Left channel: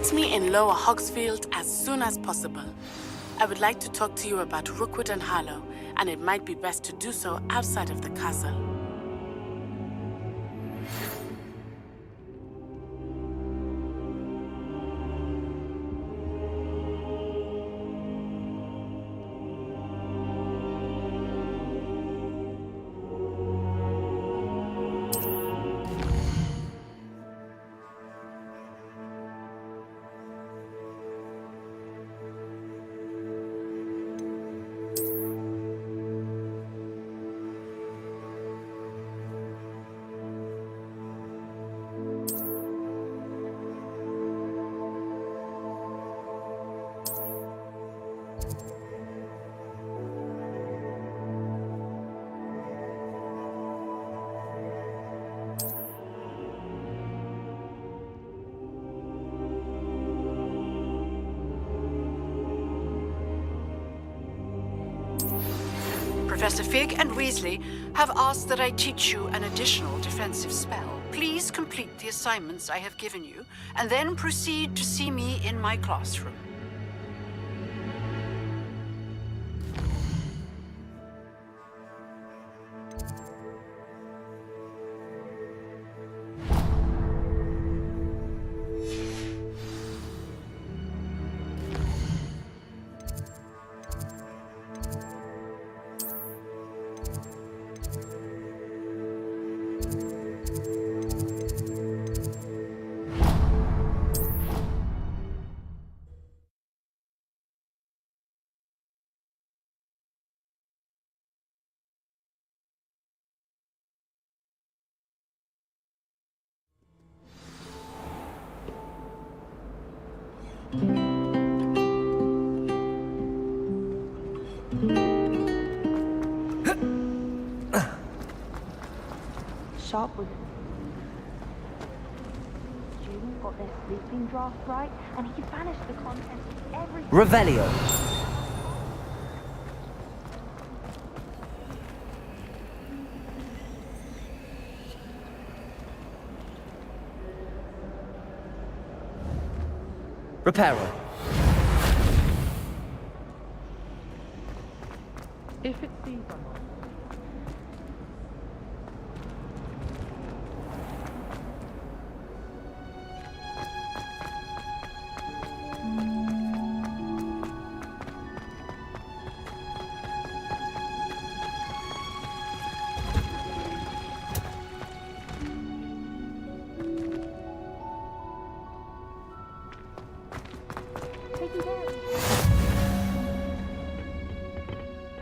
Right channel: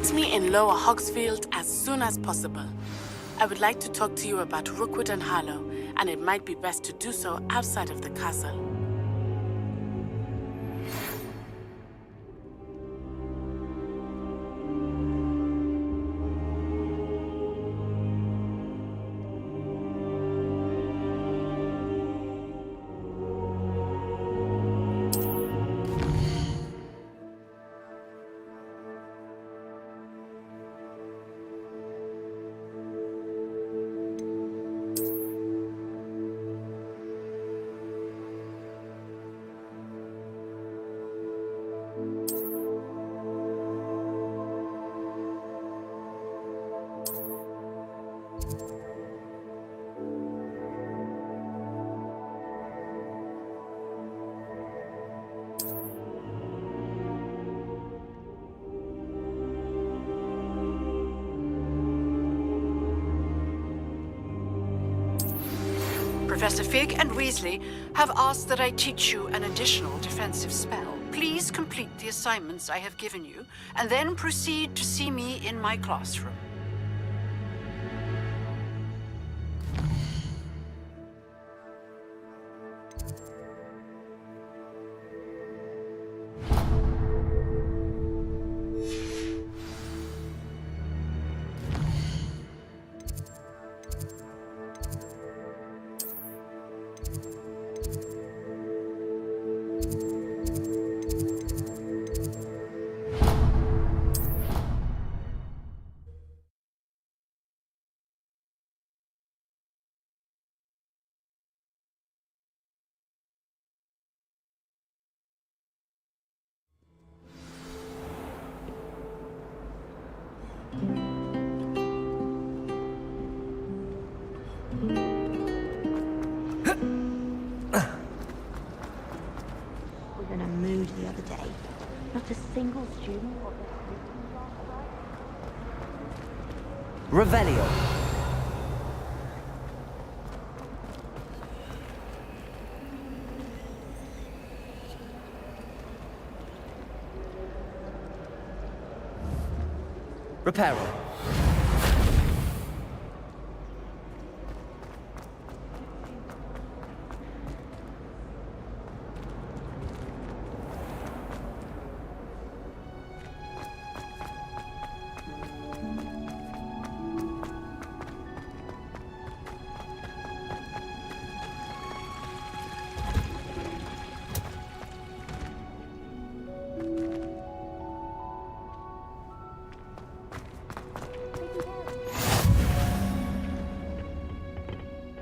Meet me in Lower Hogsfield as soon as possible. I would like to talk to you about Rookwood and Harlow, and it might be best to do so outside of the castle. Professor Fig and Weasley have asked that I teach you an additional defensive spell. Please complete the assignments I have given you, and then proceed to see me in my classroom. Sharp was in a mood the other day. Not a single student got their sleeping draft right, and he banished the contest every... Revelio. Reparo. If it seems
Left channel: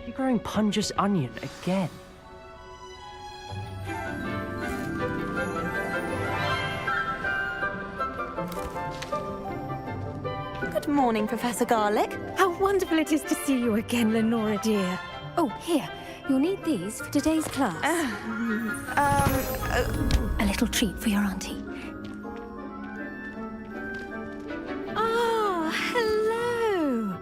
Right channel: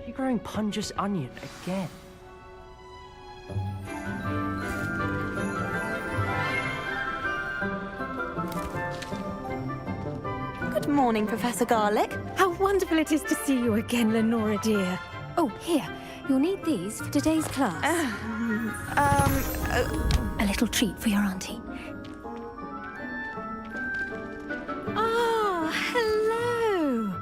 You're growing Pungus Onion again. Good morning, Professor Garlick. How wonderful it is to see you again, Lenora dear. Oh, here. You'll need these for today's class. A little treat for your auntie. Ah, hello.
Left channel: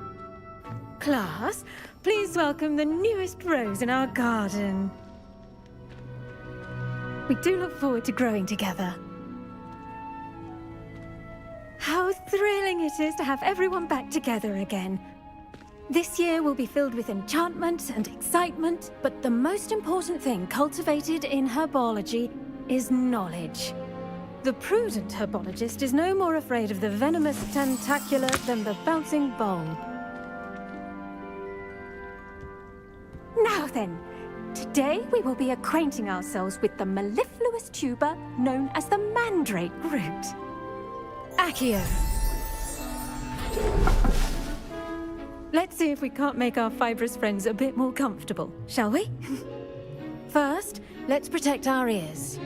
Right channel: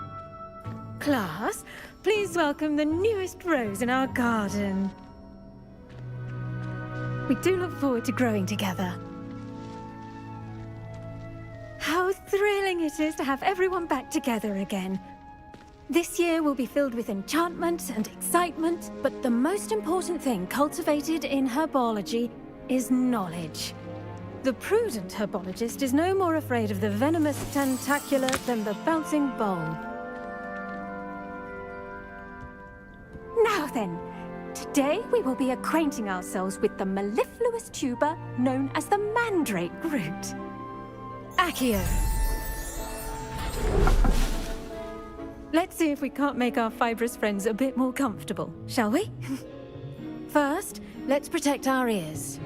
Class, please welcome the newest rose in our garden. We do look forward to growing together. How thrilling it is to have everyone back together again. This year will be filled with enchantment and excitement, but the most important thing cultivated in herbology is knowledge. The prudent herbologist is no more afraid of the venomous tentacula than the bouncing bulb. Now then, today we will be acquainting ourselves with the mellifluous tuber known as the mandrake root. Accio. Let's see if we can't make our fibrous friends a bit more comfortable, shall we? First, let's protect our ears.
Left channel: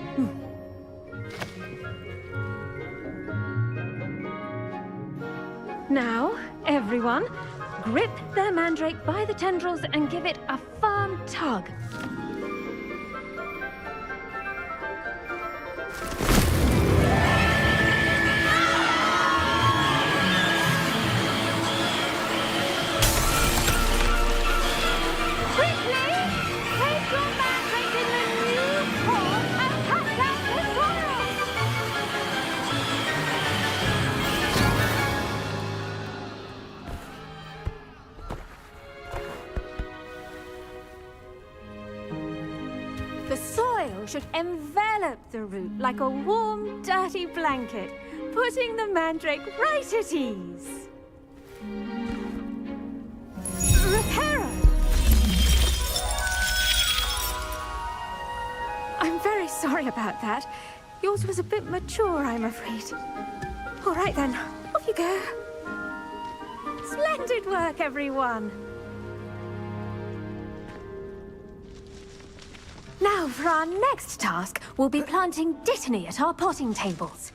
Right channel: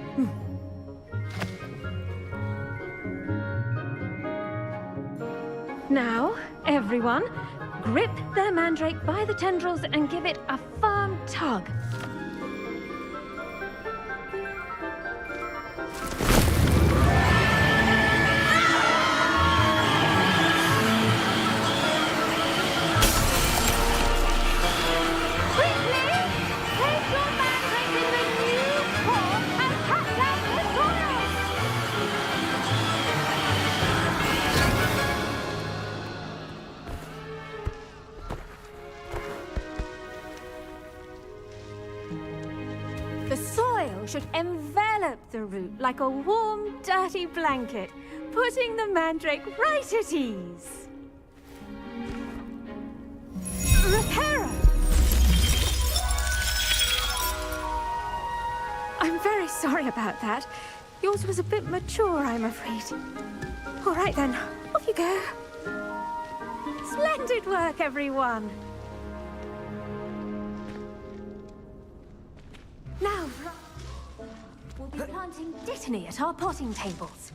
Now, everyone, grip their mandrake by the tendrils and give it a firm tug. The soil should envelop the root like a warm, dirty blanket, putting the mandrake right at ease. Reparo! I'm very sorry about that. Yours was a bit mature, I'm afraid. All right then, off you go. Splendid work, everyone. Now, for our next task, we'll be planting dittany at our potting tables.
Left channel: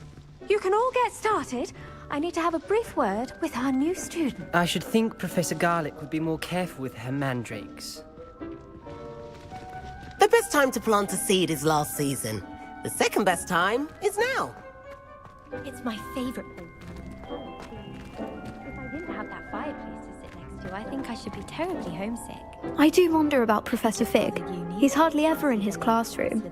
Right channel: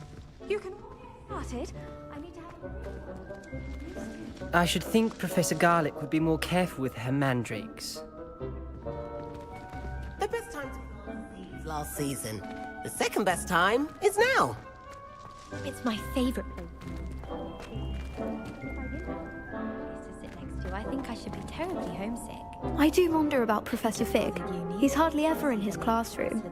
You can all get started. I need to have a brief word with our new student. I should think Professor Garlick would be more careful with her mandrakes. The best time to plant a seed is last season. The second best time is now. It's my favorite. If I didn't have that fireplace to sit next to, I think I should be terribly homesick. I do wonder about Professor Fig. He's hardly ever in his classroom.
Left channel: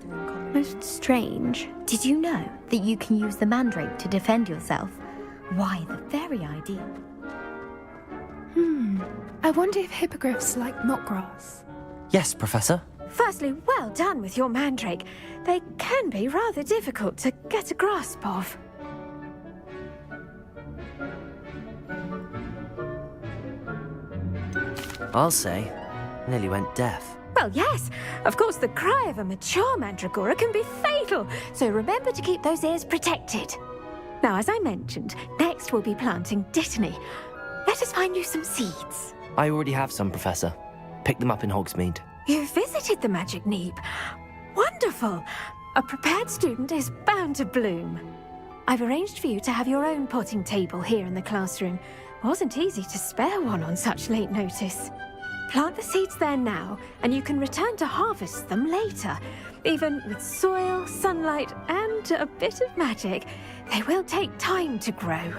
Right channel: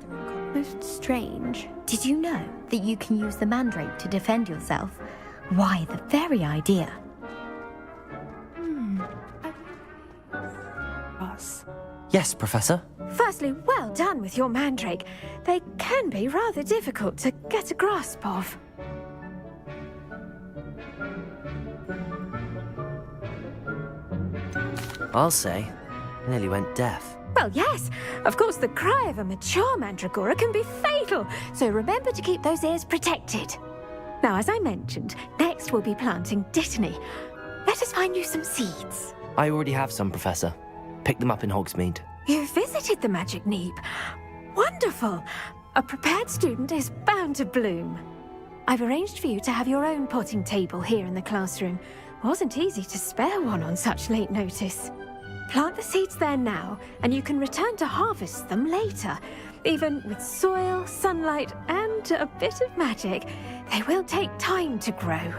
Most strange. Did you know that you can use the mandrake to defend yourself? Why, the very idea. I wonder if hippogriffs like knotgrass. Yes, Professor. Firstly, well done with your mandrake. They can be rather difficult to get a grasp of. I'll say, nearly went deaf. Well, yes. Of course, the cry of a mature mandragora can be fatal, so remember to keep those ears protected. Now, as I mentioned, next we'll be planting dittany. Let us find you some seeds. I already have some, Professor. Picked them up in Hogsmeade. You visited the Magic Neep. Wonderful. A prepared student is bound to bloom. I've arranged for you to have your own potting table here in the classroom. Wasn't easy to spare one on such late notice. Plant the seeds there now, and you can return to harvest them later. Even with soil, sunlight, and a bit of magic, they will take time to grow.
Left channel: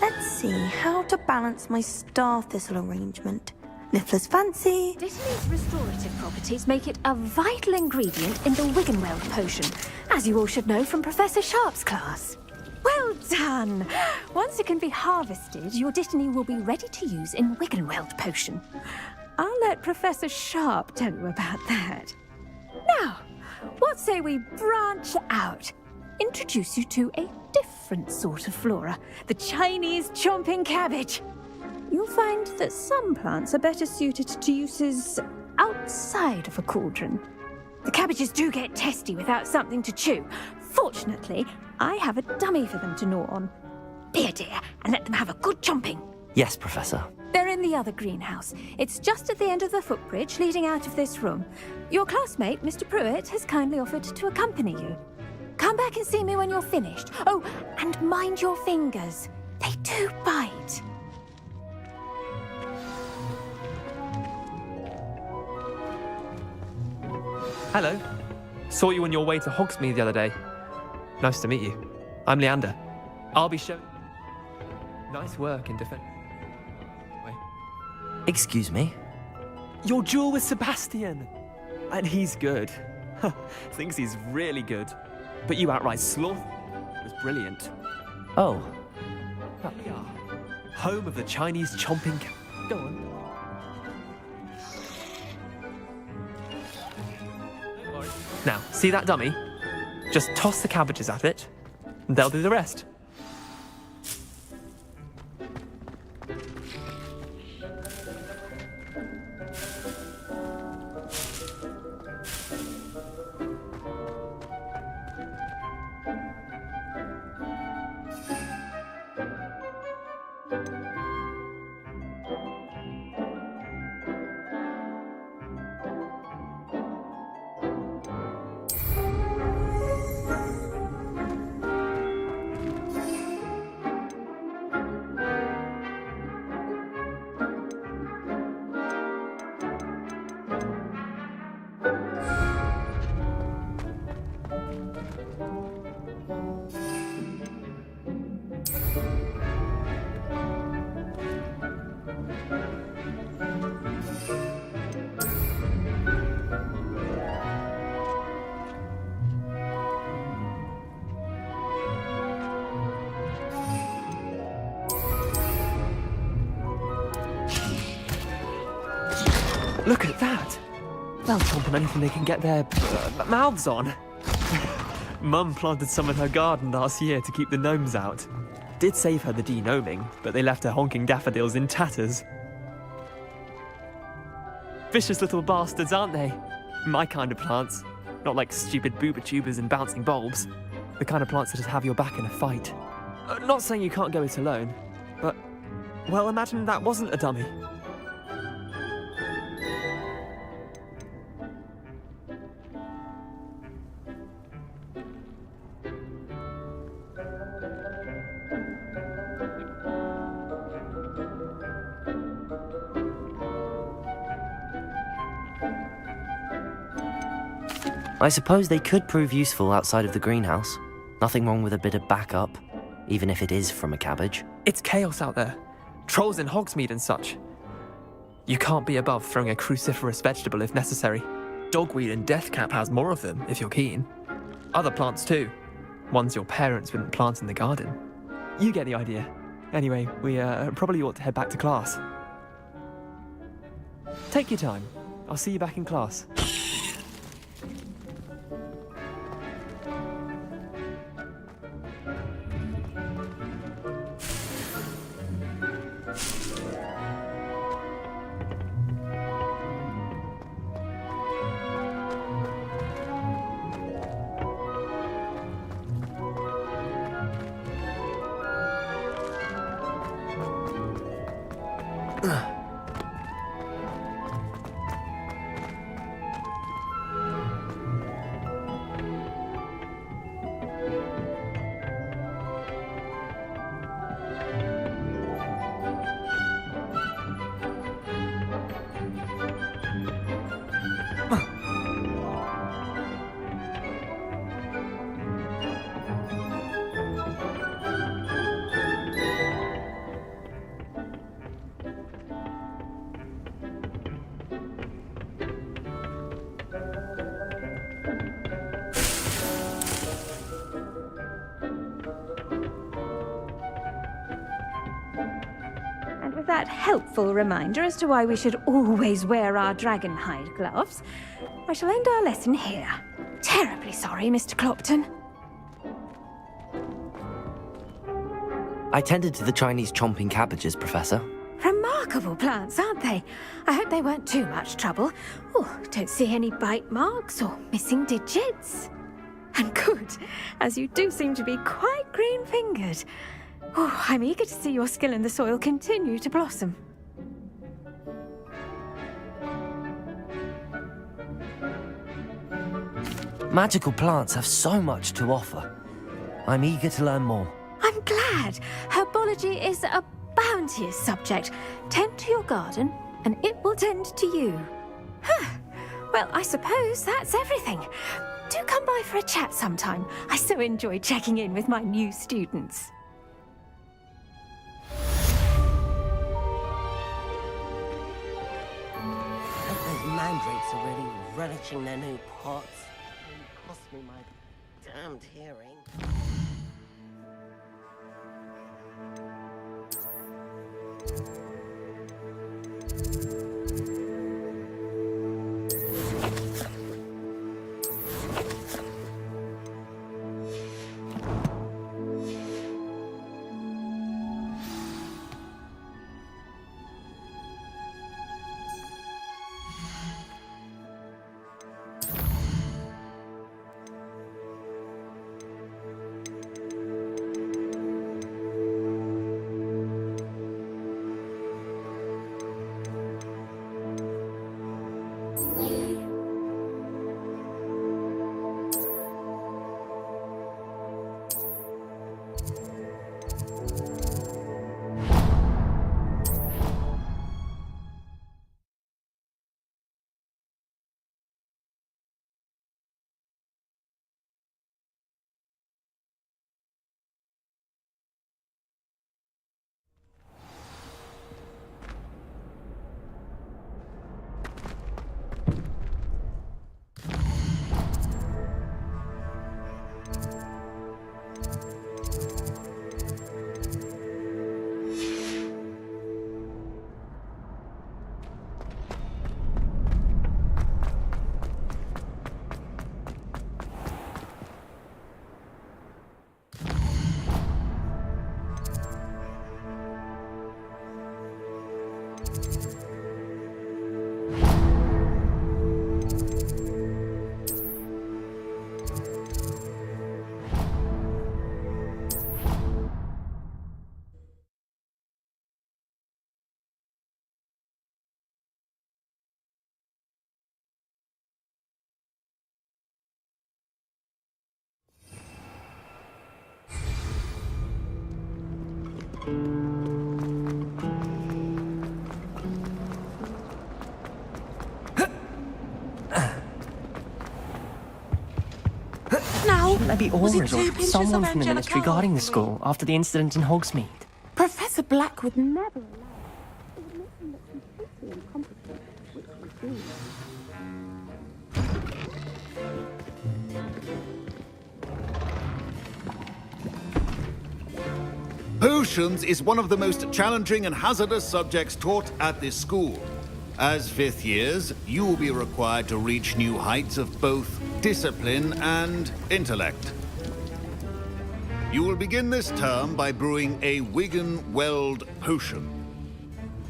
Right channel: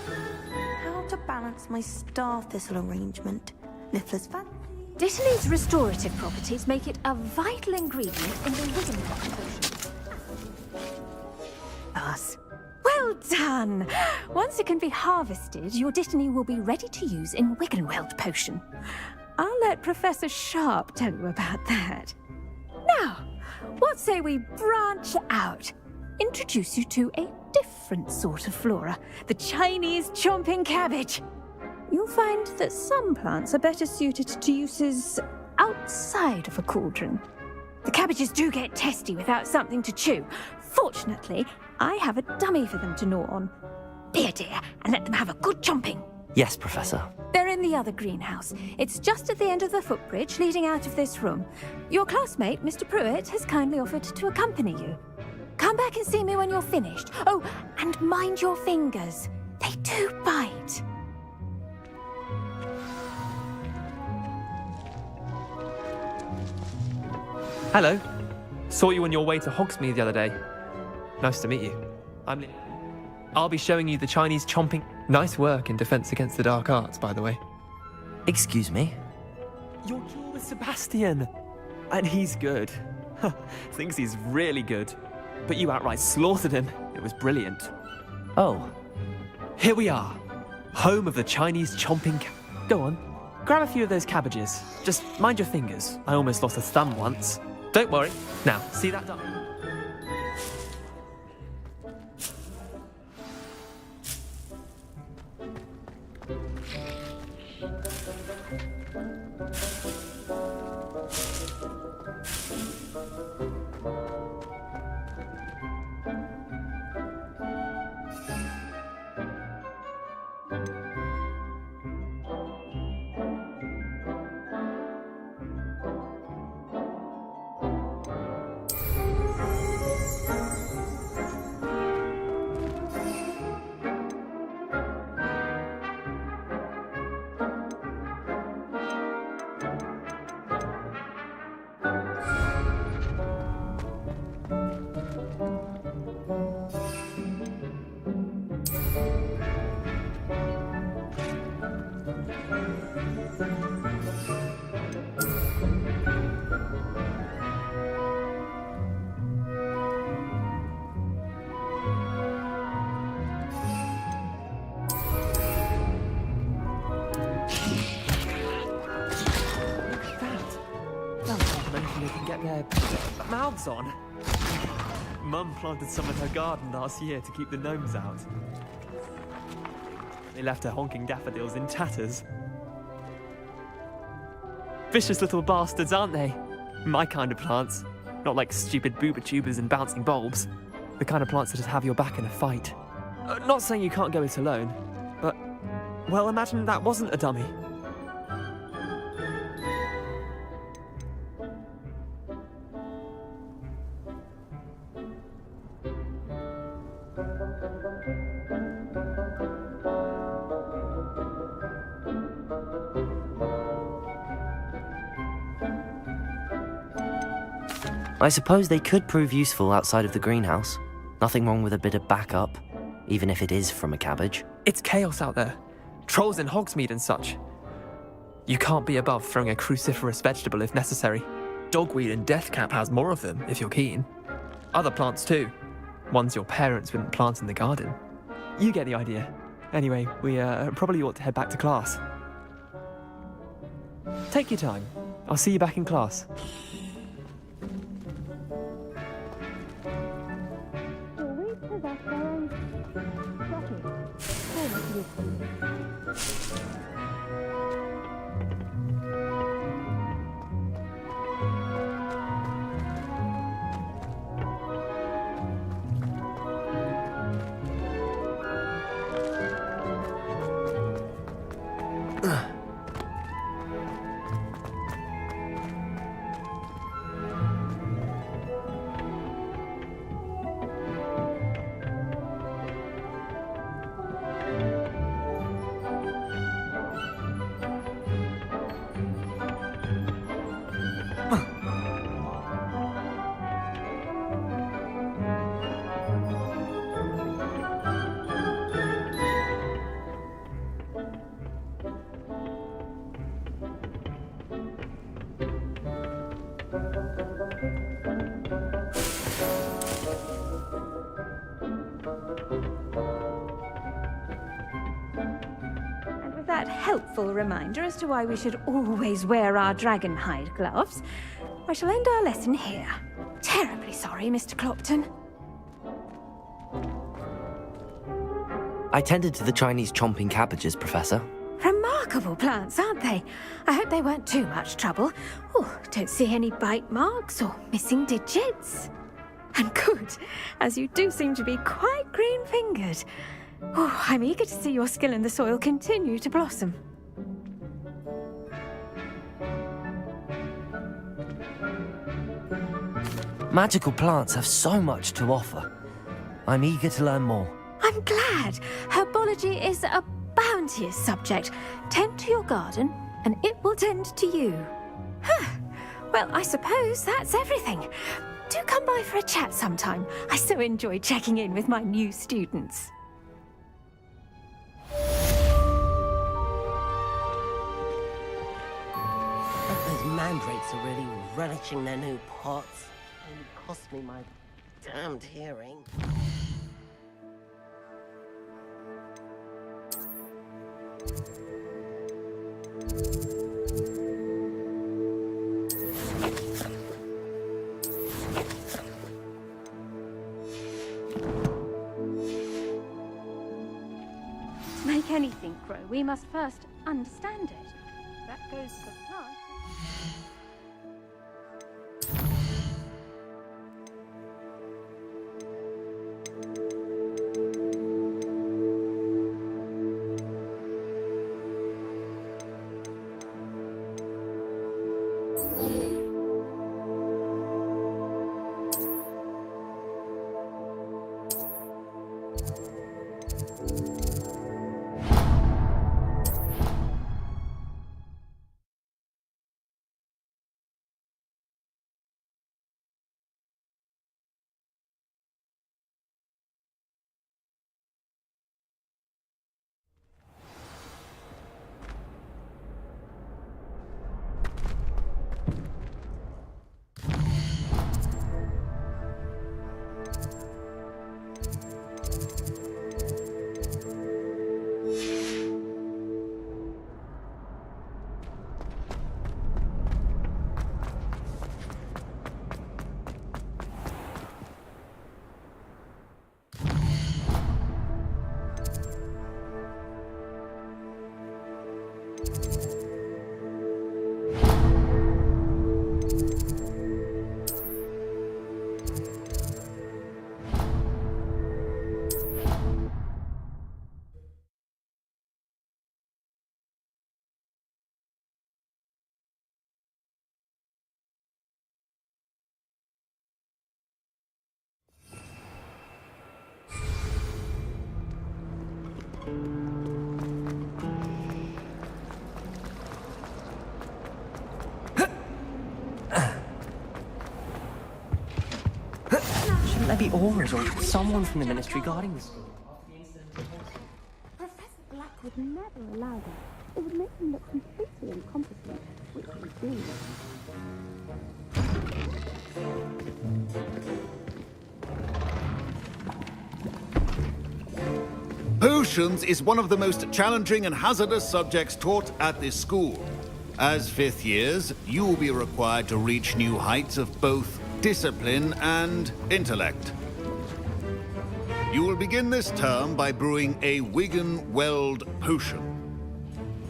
Let's see how to balance my star thistle arrangement. Niffler's fancy. Dittany's restorative properties make it a vital ingredient in the Wiggenweld potion, as you all should know from Professor Sharp's class. Well done! Once it can be harvested, your dittany will be ready to use in Wiggenweld potion. I'll let Professor Sharp tell you about that. Now, what say we branch out? Introduce you to a different sort of flora, the Chinese chomping cabbage. You'll find that some plants are better suited to uses outside of a cauldron. The cabbages do get testy without something to chew. Fortunately, I have a dummy for them to gnaw on. Be a dear and let them have a good chomping. Yes, Professor. They're in the other greenhouse. It's just at the end of the footbridge leading out of this room. Your classmate, Mr. Pruitt, has kindly offered to accompany you. Come back and see me when you're finished. Oh, and mind your fingers. They do bite. Hello. Saw you on your way to Hogsmeade the other day. Nice to meet you. I'm Leander. I'll be showing you the Chinese chomping... Nice work in Defense Against the Dark Arts, by the way. Excuse me? Your duel with Sebastian! And he's good. Thinks he's really good. But you outright slaughtered him. It was brilliant. Oh. Here we are. Home of the Chinese chomping... Go on. Grab a few of those cabbages. Just mind your fingers. I almost lost a thumb once. Don't worry. Now, see that dummy? Just toss the cabbages at it, and they'll do the rest. Look at that! They'll chomp on anything they can get their mouths on. Mum planted some in her garden last year to keep the gnomes out. Did save her the de-gnoming, but they left her honking daffodils in tatters. Vicious little bastards, aren't they? My kind of plants. Not like stupid booba tubers and bouncing bulbs. The kind of plants that just have your back in a fight. Not saying you can't go it alone, but, well, imagine that wasn't a dummy. I suppose they could prove useful outside of the greenhouse. Nothing wrong with a bit of backup, even if it is from a cabbage. It's chaos out there. Trolls in Hogsmeade and such. You can't be above throwing a cruciferous vegetable if necessary. Dogweed and deathcap has more of them, if you're keen. Other plants too. Ones your parents wouldn't plant in the garden. You get the idea. Anyway, we probably ought to head back to class. Take your time. I'll see you back in class. With that helpful reminder as to why we should always wear our dragonhide gloves, I shall end our lesson here. Terribly sorry, Mr. Clopton. I tended to the Chinese chomping cabbages, Professor. Remarkable plants, aren't they? I hope they weren't too much trouble. Oh, don't see any bite marks or missing digits. And good, as you do seem to be quite green-fingered. Oh, I'm eager to see your skill in the soil continue to blossom. Magical plants have so much to offer. I'm eager to learn more. I'm glad. Herbology is a bounteous subject. Tend to your garden, and it will tend to you. Well, I suppose that's everything. Do come by for a chat sometime. I so enjoy checking in with my new students. Those mandrakes are really relishing their new pots. Only cost me my damned hearing. Make anything grow, we must first understand it. That goes for Shouldn't there be aurors or someone from the ministry guarding the school after the incident in Hogsmeade? Professor Black would never allow that. It would make him look completely incompetent, which he did. Potions is one of the most challenging and hazardous subjects taught at this school. As fifth years, you will be required to reach new heights of both discipline and intellect. You will begin this term by brewing a Wiggenweld potion.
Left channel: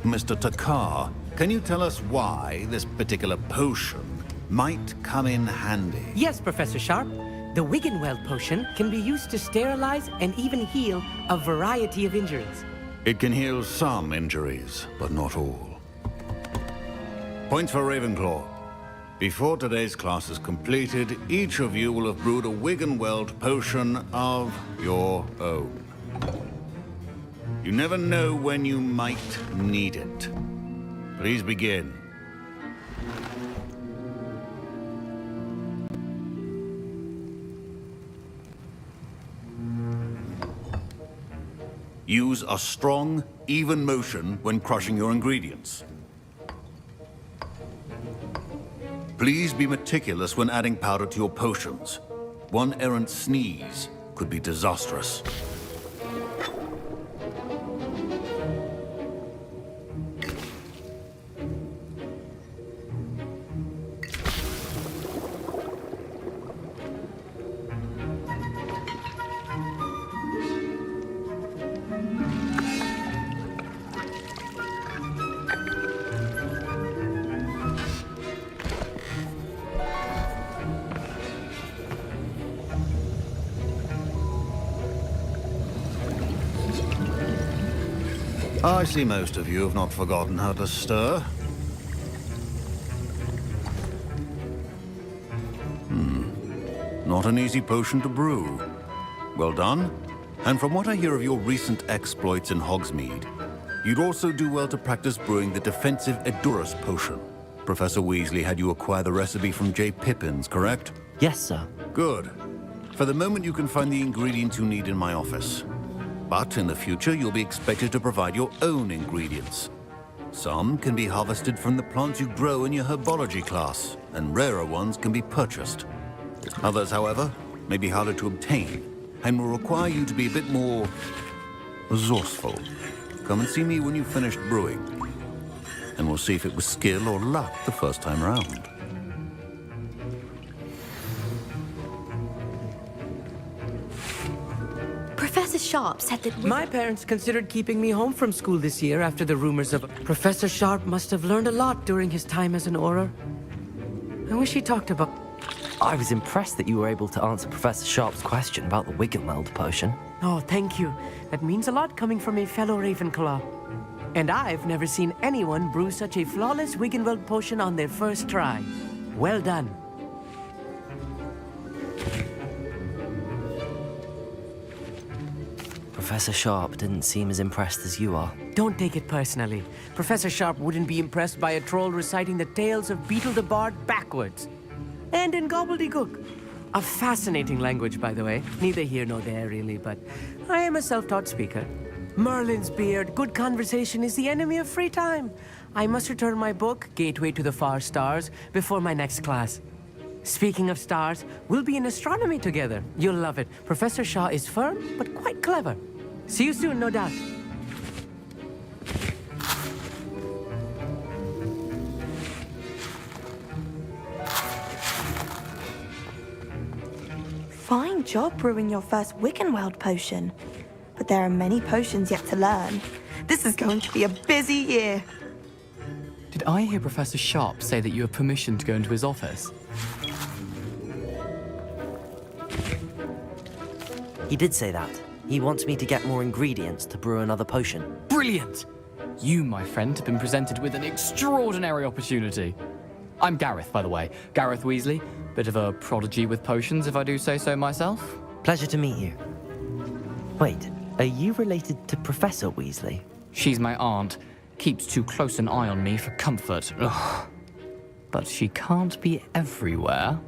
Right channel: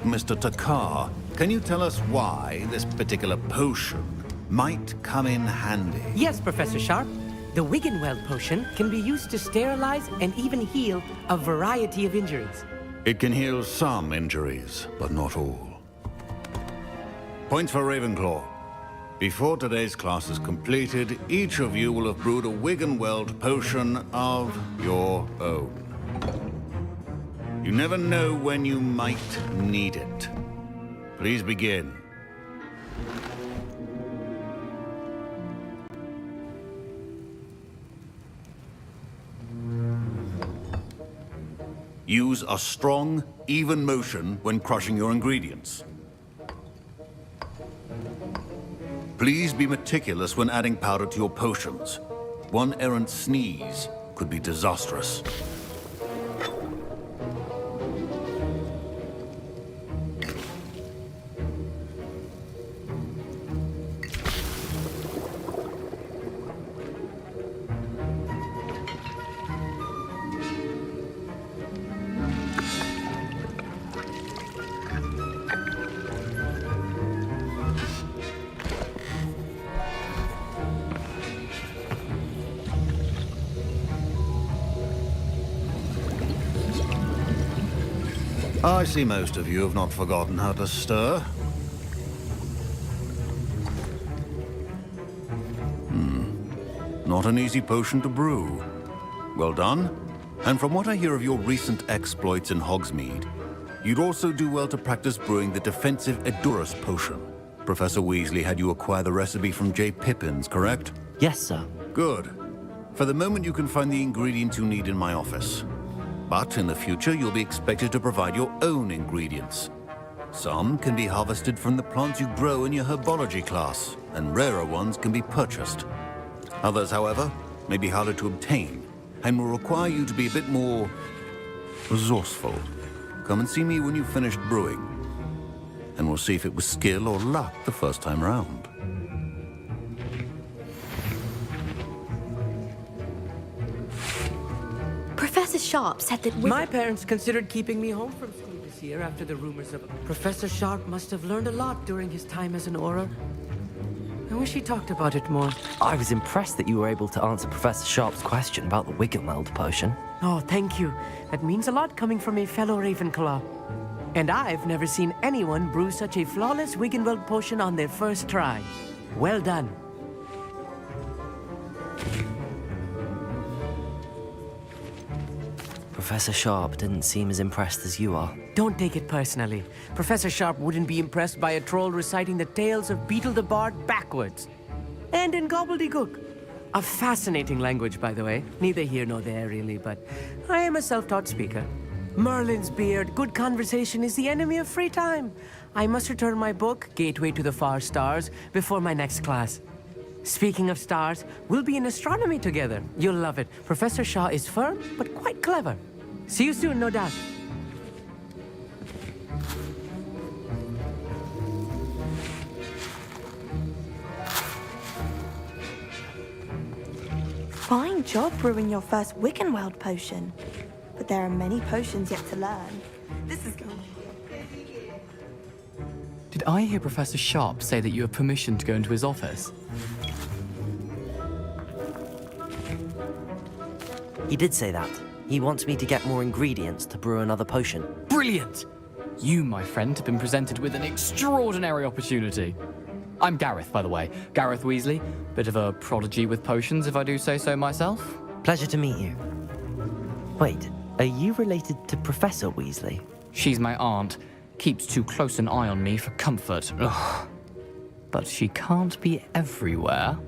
Mr. Takar, can you tell us why this particular potion might come in handy? Yes, Professor Sharp. The Wiggenweld potion can be used to sterilize and even heal a variety of injuries. It can heal some injuries, but not all. Points for Ravenclaw. Before today's class is completed, each of you will have brewed a Wiggenweld potion of your own. You never know when you might need it. Please begin. Use a strong, even motion when crushing your ingredients. Please be meticulous when adding powder to your potions. One errant sneeze could be disastrous. I see most of you have not forgotten how to stir. Not an easy potion to brew. Well done. And from what I hear of your recent exploits in Hogsmeade, you'd also do well to practice brewing the defensive Edurus potion. Professor Weasley had you acquire the recipe from J. Pippins, correct? Yes, sir. Good. For the moment, you can find the ingredients you need in my office. But in the future, you'll be expected to provide your own ingredients. Some can be harvested from the plants you grow in your herbology class, and rarer ones can be purchased. Others, however, may be harder to obtain, and will require you to be a bit more resourceful. Come and see me when you've finished brewing, and we'll see if it was skill or luck the first time around. Professor Sharp said that My parents considered keeping me home from school this year after the rumors of... Professor Sharp must have learned a lot during his time as an Auror. I wish he talked about it more. I was impressed that you were able to answer Professor Sharp's question about the Wiggenweld potion. Oh, thank you. That means a lot coming from a fellow Ravenclaw. And I've never seen anyone brew such a flawless Wiggenweld potion on their first try. Well done. Professor Sharp didn't seem as impressed as you are. Don't take it personally. Professor Sharp wouldn't be impressed by a troll reciting the tales of Beetle the Bard backwards. And in gobbledygook. A fascinating language, by the way. Neither here nor there, really, but I am a self-taught speaker. Merlin's beard, good conversation is the enemy of free time. I must return my book, Gateway to the Far Stars, before my next class. Speaking of stars, we'll be in astronomy together. You'll love it. Professor Shaw is firm, but quite clever. See you soon, no doubt. Fine job brewing your first Wiggenweld potion. But there are many potions yet to learn. This is going to be a busy year. Did I hear Professor Sharp say that you have permission to go into his office? He did say that. He wants me to get more ingredients to brew another potion. Brilliant! You, my friend, have been presented with an extraordinary opportunity. I'm Gareth, by the way. Gareth Weasley. Bit of a prodigy with potions, if I do say so myself. Pleasure to meet you. Wait, are you related to Professor Weasley? She's my aunt. Keeps too close an eye on me for comfort. Ugh. But she can't be everywhere.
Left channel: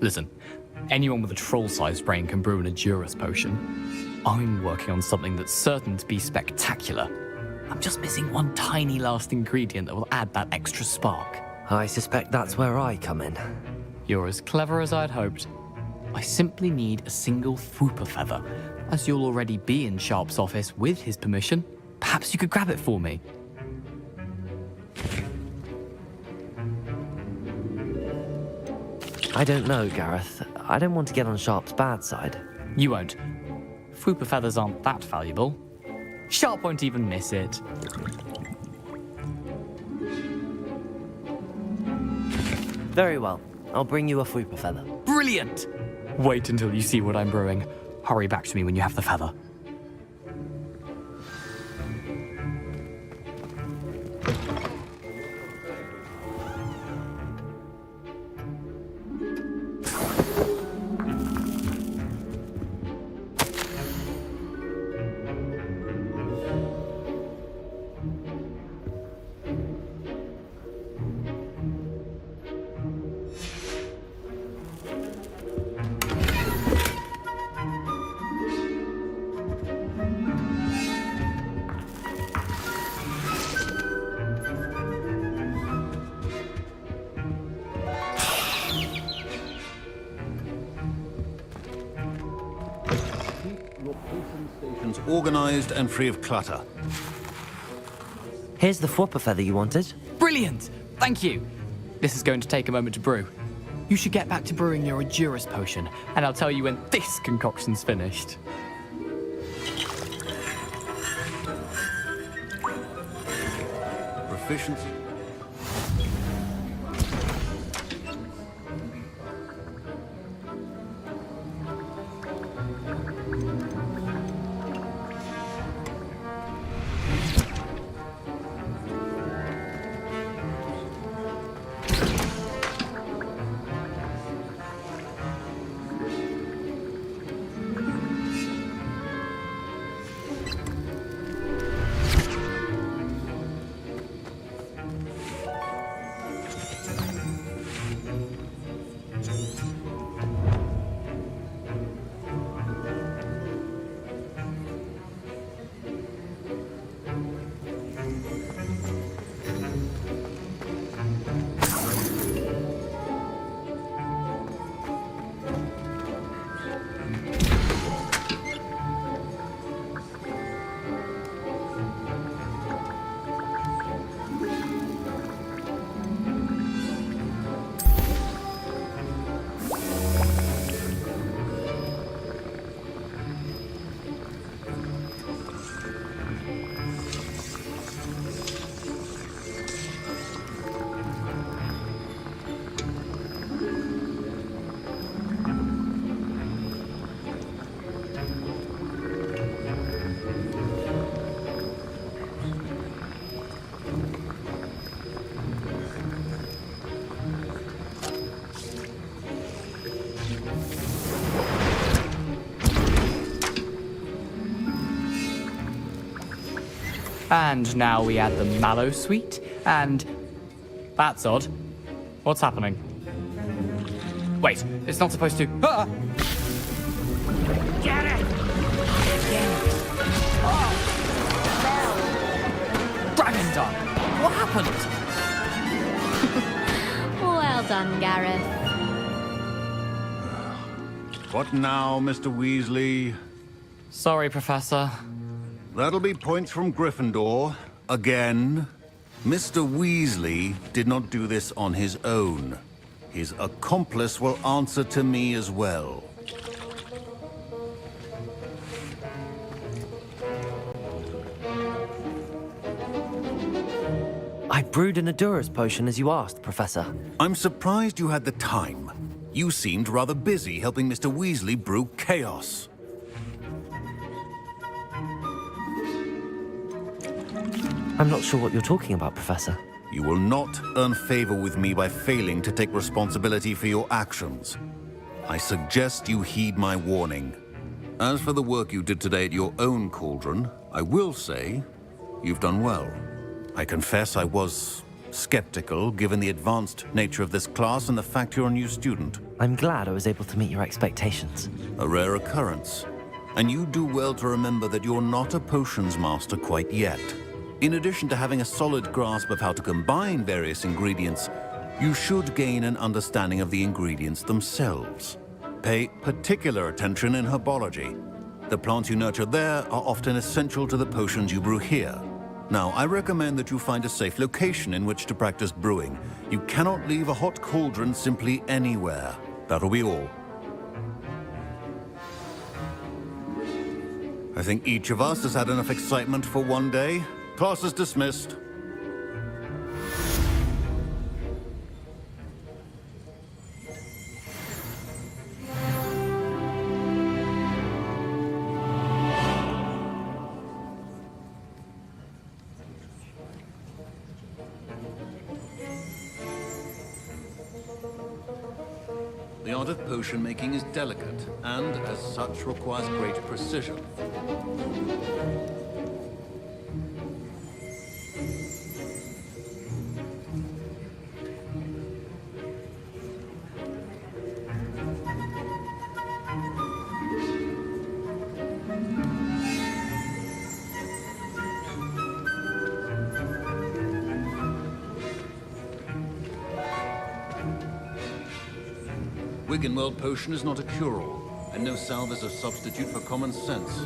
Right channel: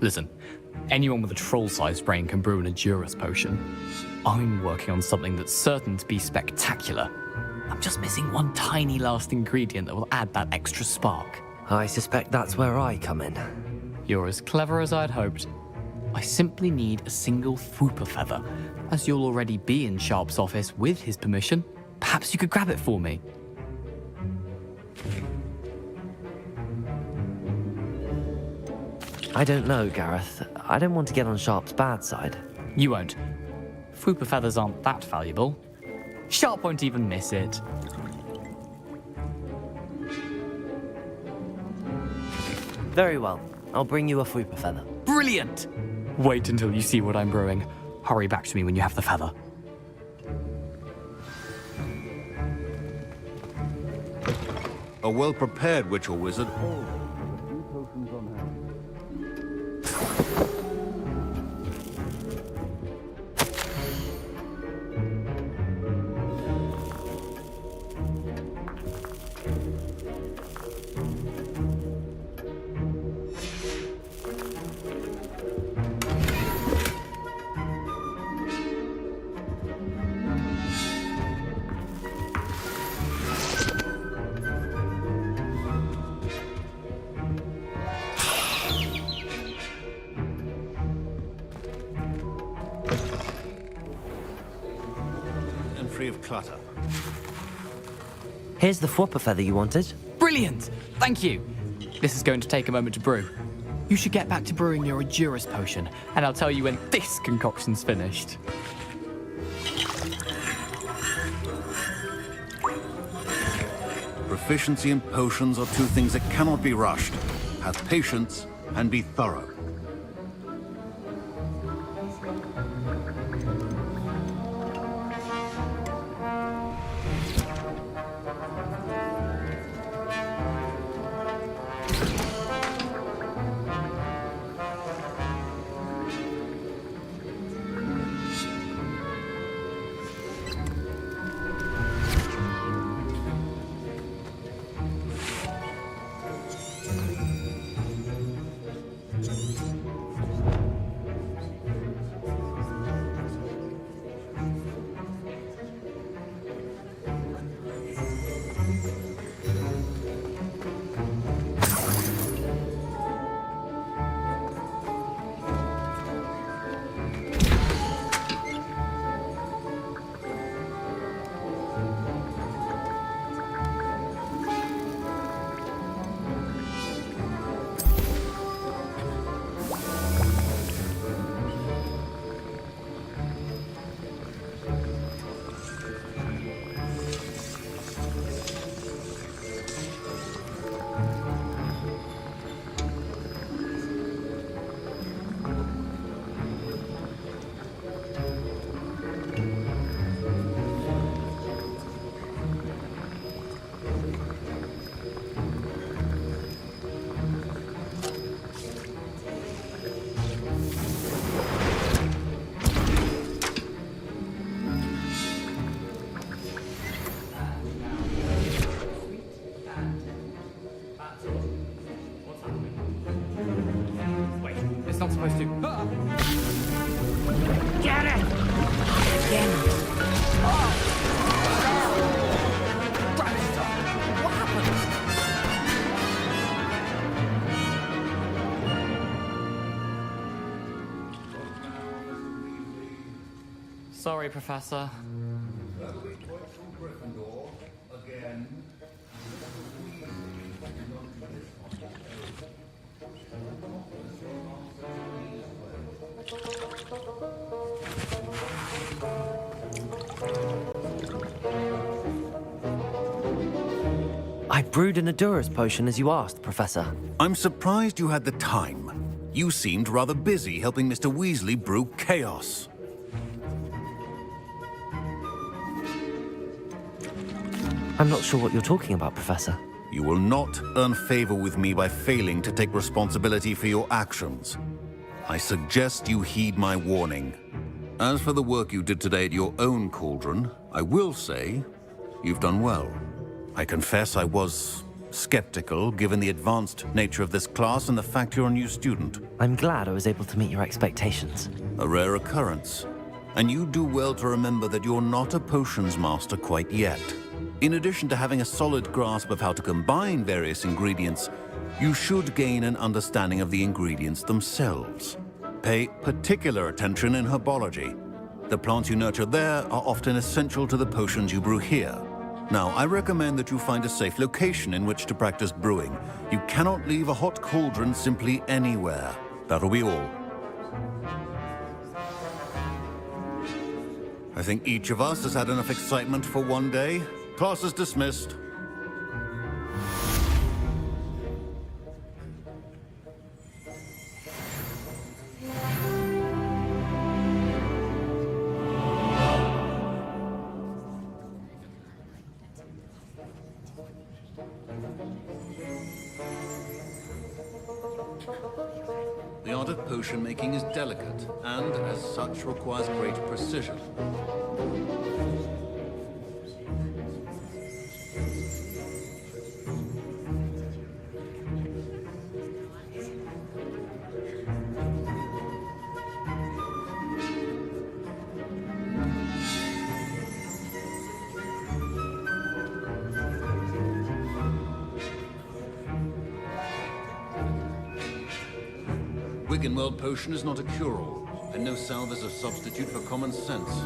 Listen, anyone with a troll-sized brain can brew an Edurus potion. I'm working on something that's certain to be spectacular. I'm just missing one tiny last ingredient that will add that extra spark. I suspect that's where I come in. You're as clever as I'd hoped. I simply need a single Fwooper feather. As you'll already be in Sharp's office with his permission, perhaps you could grab it for me. I don't know, Gareth. I don't want to get on Sharp's bad side. You won't. Fwooper feathers aren't that valuable. Sharp won't even miss it. Very well. I'll bring you a Fwooper feather. Brilliant! Wait until you see what I'm brewing. Hurry back to me when you have the feather. A well-prepared witch or wizard. Organized and free of clutter. Here's the Fwooper feather you wanted. Brilliant! Thank you! This is going to take a moment to brew. You should get back to brewing your Edurus potion, and I'll tell you when this concoction's finished. Proficiency in potions are two things that cannot be rushed. Have patience and be thorough. And now we add the mallow sweet, and... That's odd. What's happening? Wait, it's not supposed to... Ah! Get it! Again. Oh! Dragon's Eye! What happened? Well done, Gareth. What now, Mr. Weasley? Sorry, Professor. That'll be points from Gryffindor. Again. Mr. Weasley did not do this on his own. His accomplice will answer to me as well. I brewed an Adurus potion as you asked, Professor. I'm surprised you had the time. You seemed rather busy helping Mr. Weasley brew chaos. I'm not sure what you're talking about, Professor. You will not earn favor with me by failing to take responsibility for your actions. I suggest you heed my warning. As for the work you did today at your own cauldron, I will say you've done well. I confess I was skeptical, given the advanced nature of this class and the fact you're a new student. I'm glad I was able to meet your expectations. A rare occurrence. And you do well to remember that you're not a potions master quite yet. In addition to having a solid grasp of how to combine various ingredients, you should gain an understanding of the ingredients themselves. Pay particular attention in herbology. The plants you nurture there are often essential to the potions you brew here. Now, I recommend that you find a safe location in which to practice brewing. You cannot leave a hot cauldron simply anywhere. That'll be all. I think each of us has had enough excitement for one day. Class is dismissed. The art of potion making is delicate, and as such requires great precision. Wiggenweld potion is not a cure-all, and no salve is a substitute for common sense.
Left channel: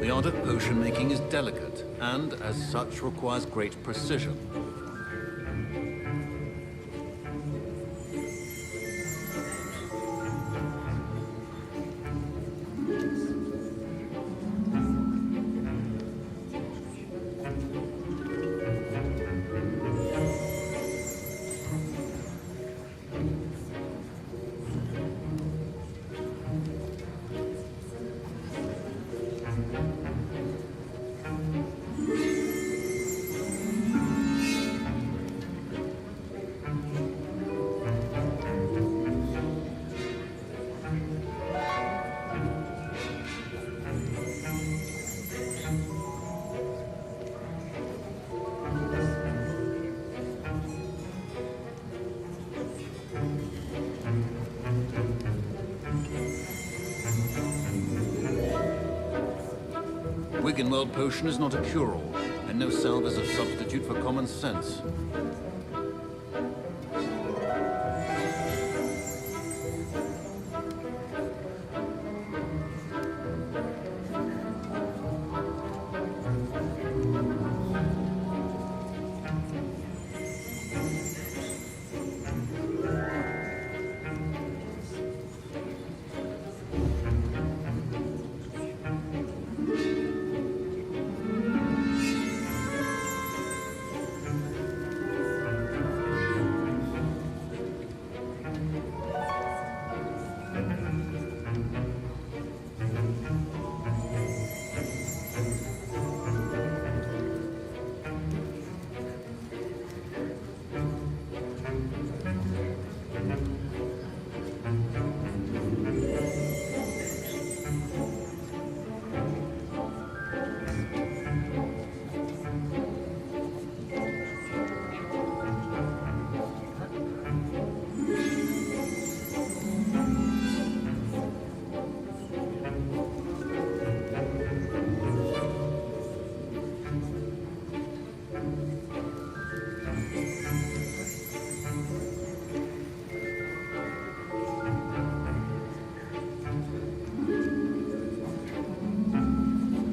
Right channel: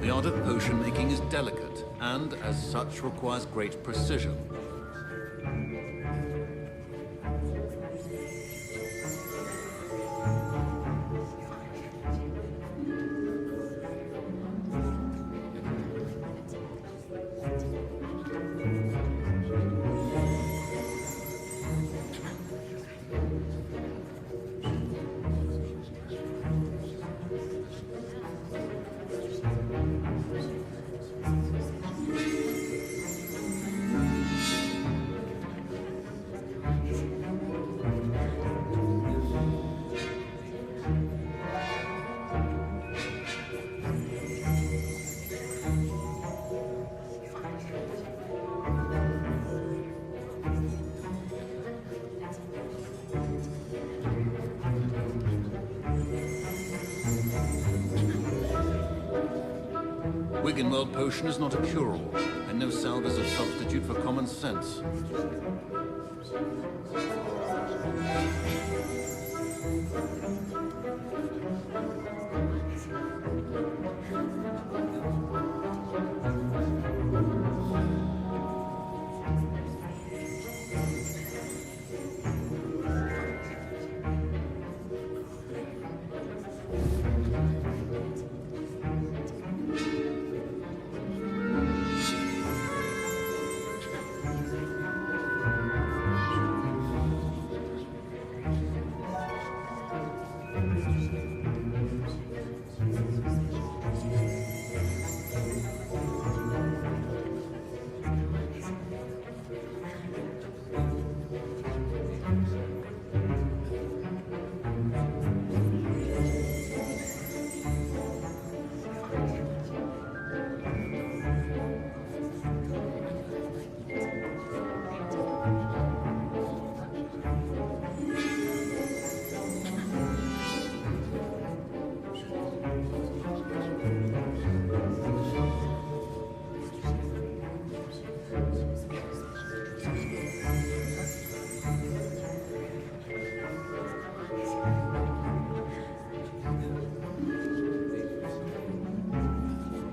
The art of potion making is delicate, and as such requires great precision. Wiggenweld potion is not a cure-all, and no salve is a substitute for common sense.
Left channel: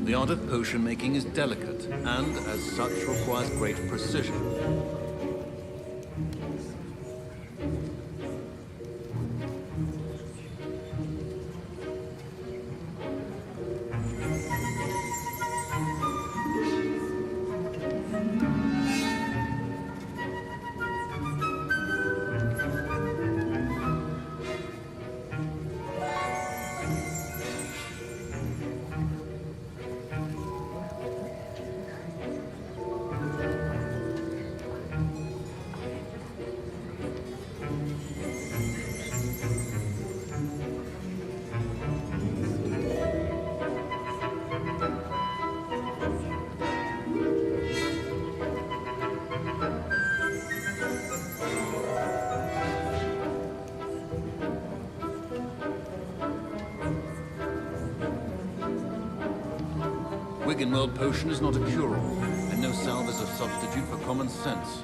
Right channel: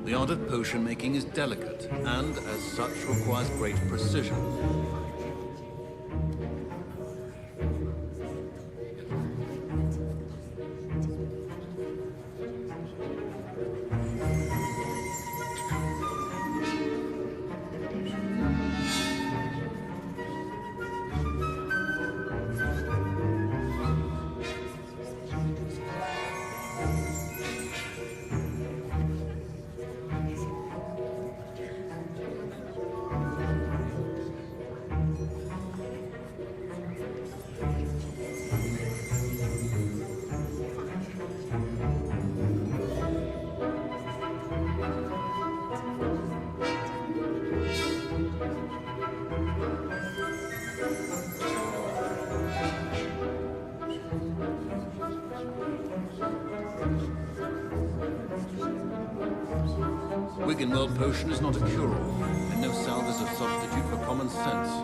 The art of potion making is delicate, and as such requires great precision. Wiggenweld potion is not a cure-all, and no salve is a substitute for common sense.